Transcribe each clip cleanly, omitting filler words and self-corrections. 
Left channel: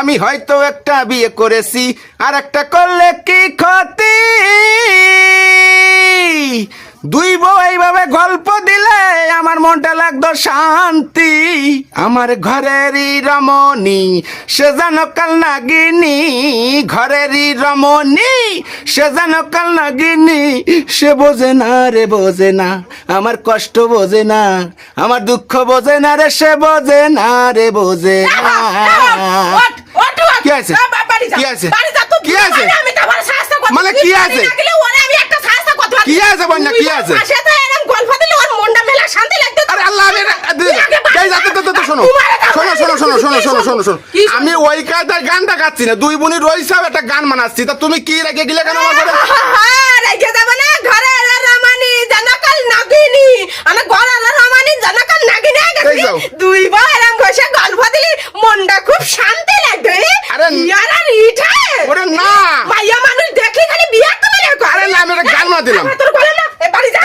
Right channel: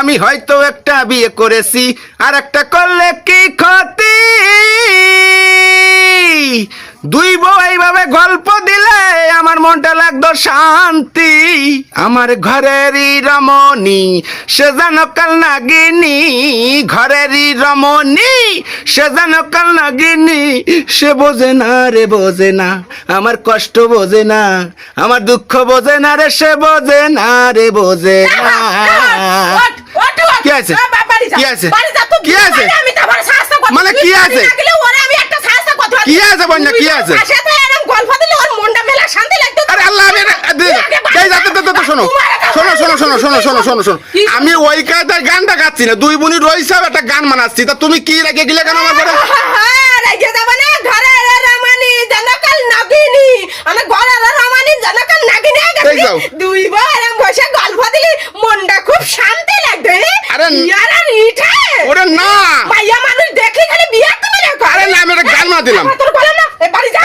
আমি হয়তো একটা বিয়ে করেছি আর একটা করলে কি ক্ষতি। দুই বউ এইভাবে গল্প দিলে আমার মনটা লাগতো শান্তি। আমার ঘরেরই রমণী সে যেন কাল নাগিনী, ঘরেরই রমণী সে যেন কাল নাগিনী। সে বোঝে না রে বোঝে না, আমার কষ্ট বোঝে না, আমার দুঃখ বোঝে না রে, সে বোঝে না রে বোঝে না। কি আছে কি আছে কি আছে মানে কি আছে কি আছে বন্যা কি আছে? আরে আল্লাহ শোনো শোনো শোনো শোনো শোনো শোনো শোনো শোনো, আমি ওই কায়দায় গানটা গাচ্ছি না, দুই বোনই রইছে একটা গান মানাচ্ছি। তা তুমি কি রেখে গেলে কেন আমার ঘরে? দুই বড় বসে গল্প দিলি মনটা খুব শান্তি লাগবে। আরে ওরে না মাইয়া মানুষ দেখলে খালি বিয়া তুমি না। আরে না, আমি একটা গান মানা দিলাম।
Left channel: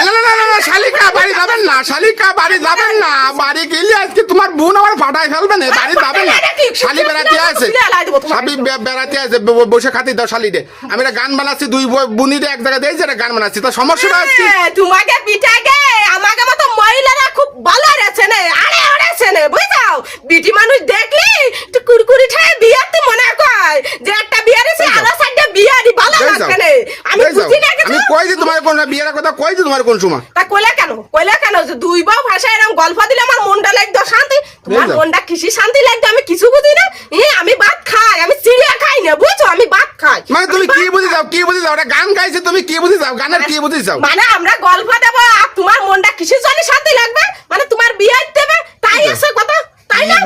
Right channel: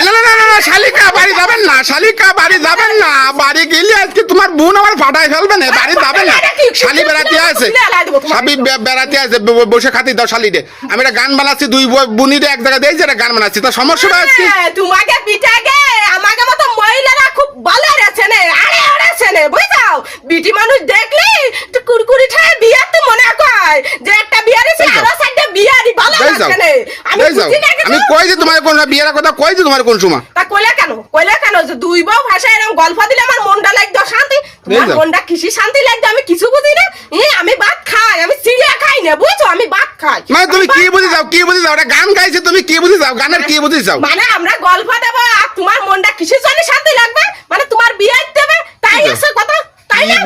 না না না না, শালিকা বাড়ি যাবেন না, শালিকা বাড়ি যাবেন না। বাড়ি গেলে আজকে তোমার বোন আমার ফাটাই ফেলবে না, বাড়ি যাবেন না। শালি বেড়াতে আছে, শালি বেড়াতে আছে, বসে খাতি দাও শালিরে। আমি একটা গান বানাচ্ছি, দুই বোনিরে এক জায়গায় দিয়েছি, একটা গান বানাচ্ছি। তা সমস্যা হচ্ছে তোমাকে পিঠাকে আমাকে মতো মহিলারা খুব ভালো রেছে নে, আরে ওরেছে নে, বুঝাও বিটি মানুষ দেখলি তো কুরকুরি খায় বিয়া তো মনে কয় যে একটা বিয়া রেছে আর সাইডটা বিয়ারি ভালো লাগছে নে। আমি বুঝি না আমি কই যে তোমার কোন বিয়ের কথা কই যে তোমার কোন সময়। তা কইলা কেন যে দুই বউ ভাষায় এরকম গল্প দিলে আমার মনটা লাগতো শান্তি। তোমার মনটা কিসি শান্তি লাগতো আমি কিছু বুঝি না। আমি ভাত খাই, আমি চিড়িয়া খাই না, বুঝছো, আমি ভাত খাই। মানে তুমি কি বুঝি যাও, কি বুঝি যাও? একটা গান গাইছে, তুমি কি বুঝি যাও? গানের কি বুঝি যাও? মানে আমরা গল্প দেবো আর তোমার মনটা কিসের জন্য শান্তি লাগবে? মানে তোমার বিয়ে দিতে হবে তাই আছে কথা, তাই না?